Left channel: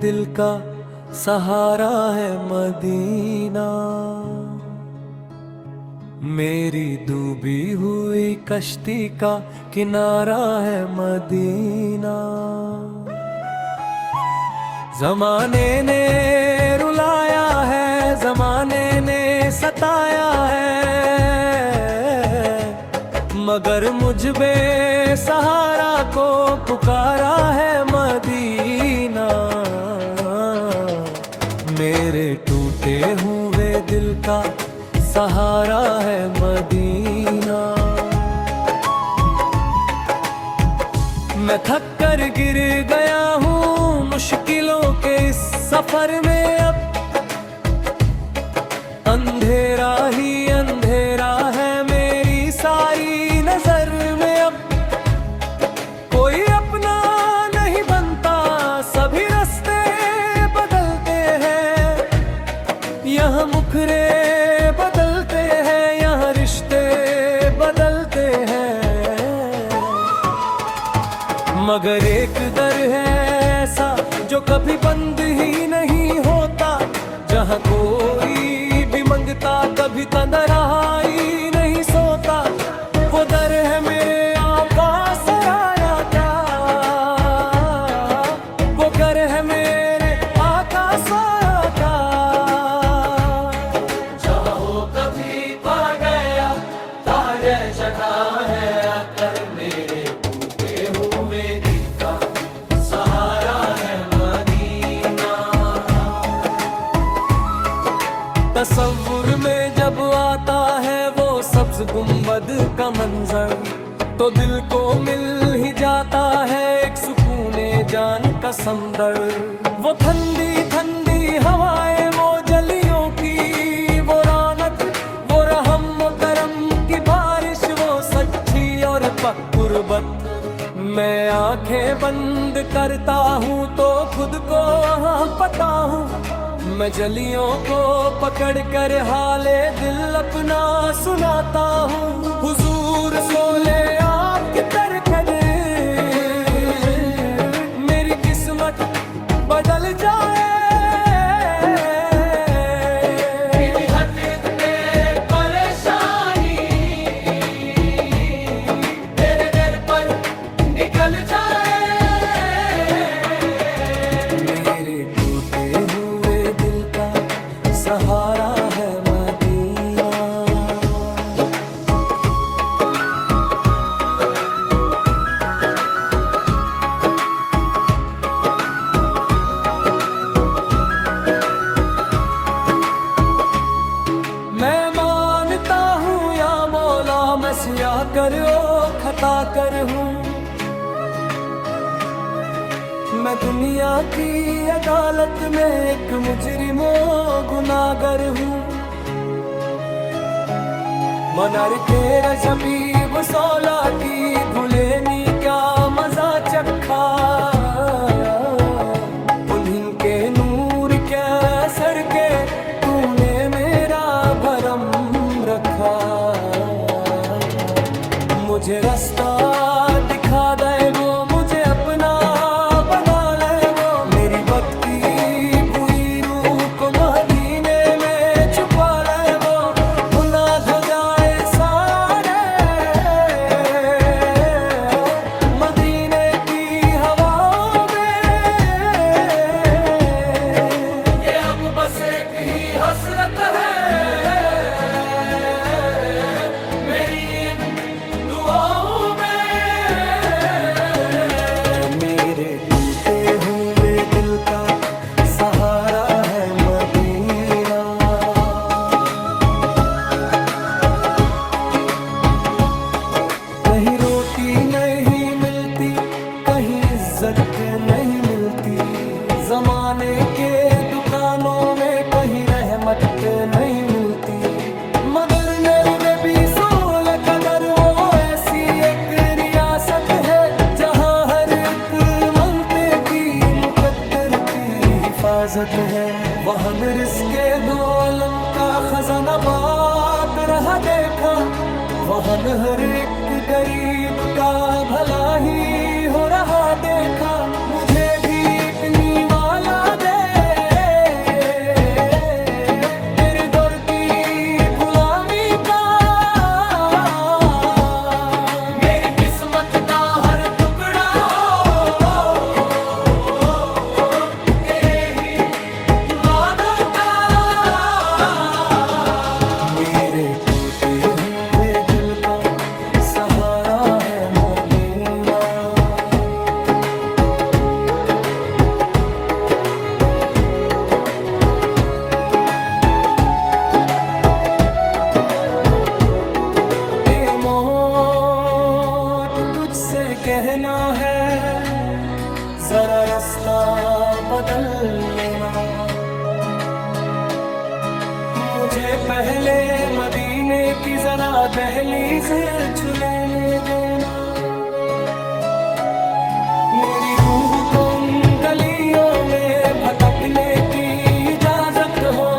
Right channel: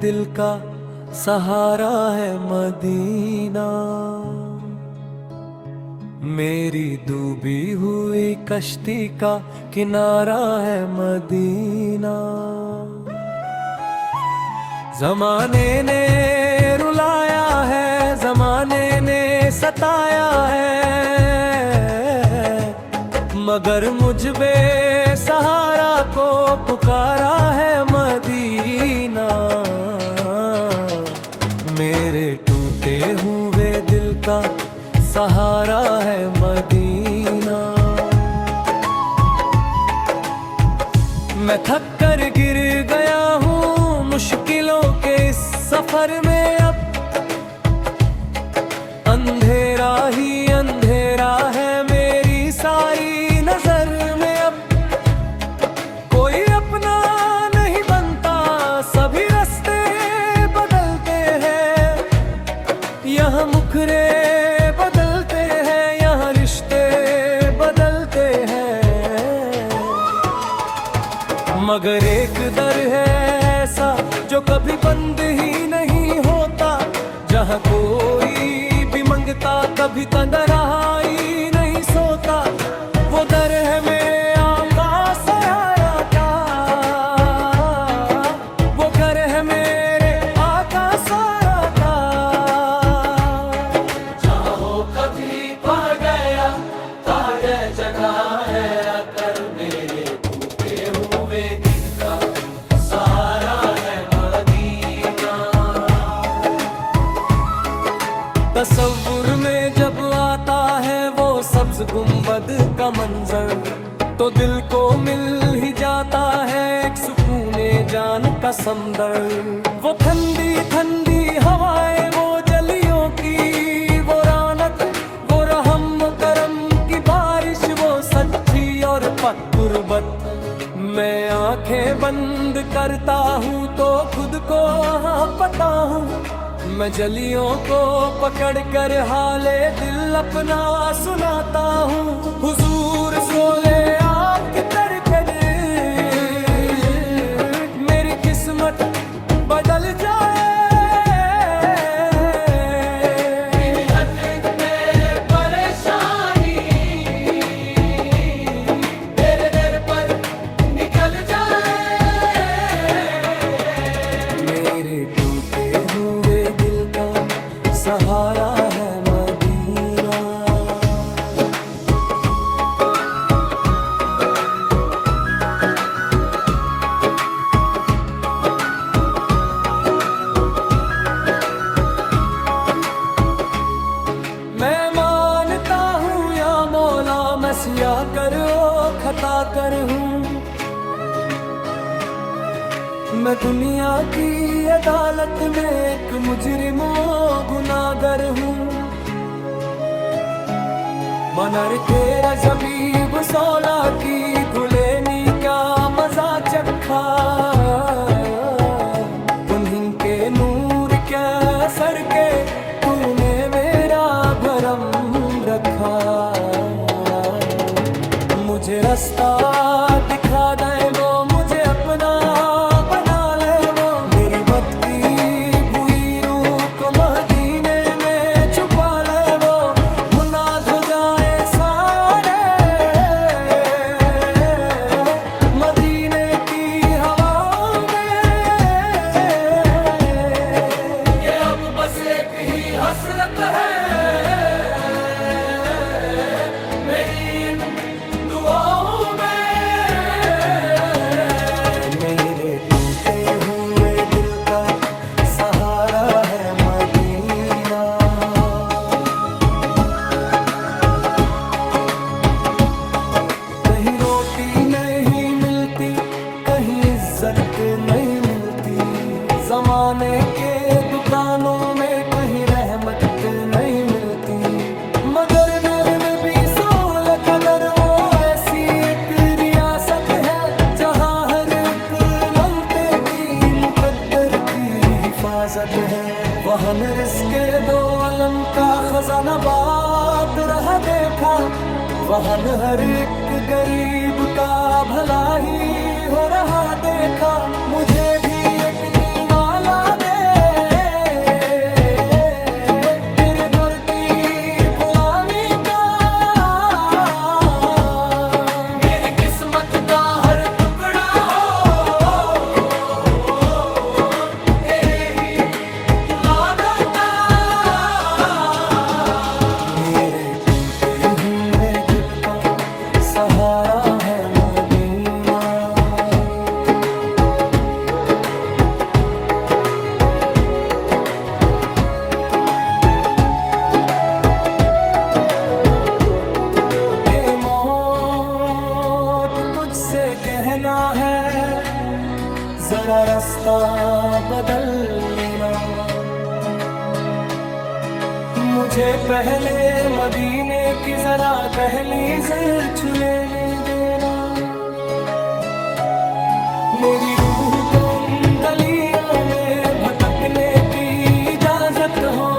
दिल का सहारा है मदीना। मेरी डूबी हुई कश्ती का किनारा है मदीना। जमाने ने रुलाया है, जमाने ने सताया है, मगर मुझ बेसहारा को पुकारा है मदीना। मेरे टूटे हुए दिल का सहारा है मदीना। मैं थक कर गिर गया हूँ मुश्किलों के इस सफर में, अब अंधेरा ही अंधेरा है मेरी सारी नजर में। अब कोई अपना नहीं बनता, सभी रास्ते बदलते हैं। यहाँ मुखरे बदलते हैं, यहाँ रिश्ते बदलते हैं, मगर एक दर है ऐसा जो कभी बंद ही नहीं होता। जहाँ कोई भी मंगता कभी तन्हाई नहीं सोता। वो दर है मेरे आका सरारा का, वो घर है मेरे आका सरारा का। जहाँ हो कभी पा गया तारे जगह है आकर, मेरे टूटे हुए दिल का सहारा है मदीना। तसव्वुर में जब आता है वो सब्ज गुंबद का मंजर, तो दिल को मिल ही जाता है एक सुकूने जान का समंदर। वो ठंडी ठंडी हवाएं, वो जलियों की वो रौनक, वो रहम व करम की बारिश, वो सच्ची और पक कुर्बत। मैं आंखें बंद करता हूँ तो खुद को हाँ पता हूँ, मैं जलियों को पकड़ कर हाले दिल अपना सुनाता हूँ। हुजूर सोले आपकी तरकर मेरी किस्मत बदल जाए। परेशानी तेरे दर पर निकल जाए। मेरे टूटे हुए दिल का सहारा है मदीना। मैं मानता हूँ या मौला मैं सिया कर ओ खता कर हूँ। मैं दुनिया की अदालत में एक मुजरिमो गुनाहगार हूँ। मनार तेरा जबीब सौला की भुलेनी का मजा चखा, उन्हीं के नूर के सर के तूने मेरा भरम रखा। मुझे रास्ता दिखा दे वो, मुझे अपना बना ले वो, मेरी बद की बुरी रूह को मदीने में छुपा ले वो। गुनाह धो जाए सारे मदीने की हवाओं में, ये अब बस एक ही हसरत है मेरी इन दुआओं में। मेरे टूटे हुए दिल का सहारा है मदीना। कहीं रोटी नहीं मिलती, कहीं इज्जत नहीं मिलती, जमाने के दुकानों में कहीं रहमत नहीं मिलती, मगर नर भी सूल कदर वो ऐसी एक रियासत है जहाँ हर एक मंगते की मुकद्दर की हिफाजत है। वहाँ में रिज़्क़े दो अलम का खजाना बात रहा देखा, वहाँ हर एक गरीब का भला ही हो रहा देखा। मुझे भी एक निवाला कहना है जरा रास्ता बदल लेना। मुझे पहले मदीने की जरा दहलीज छूने देना। मेरी रूह को उन गलियों में भटकने की इजाजत हो।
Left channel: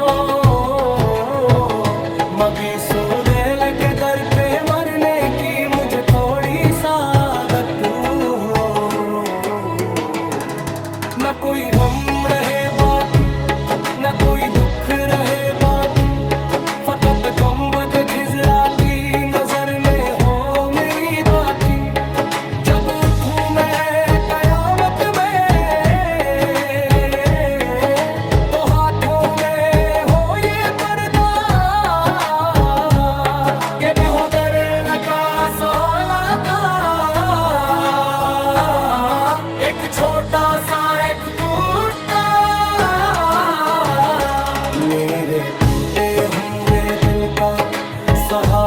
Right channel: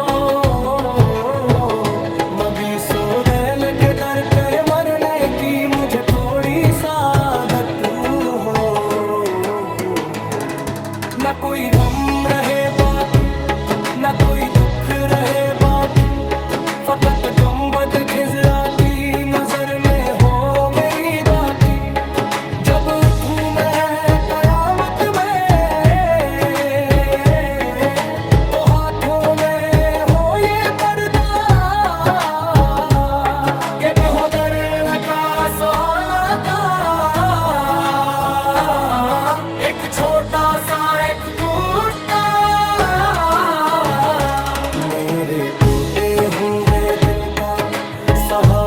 मबी सोदेल के दर पे मरने की मुझे थोड़ी सादत हो। न कोई गम रहे बाकी, न कोई दुख रहे बाकी, फकत गुंबद खिजरा की नजर में हो मेरी बाकी। जब उठूं मैं कयामत में तो हाथों में हो ये पर्दा के भी हो दरे का सवाला का। एक छोटा सा एक कुर्ता मेरे टूटे हुए दिल का सहारा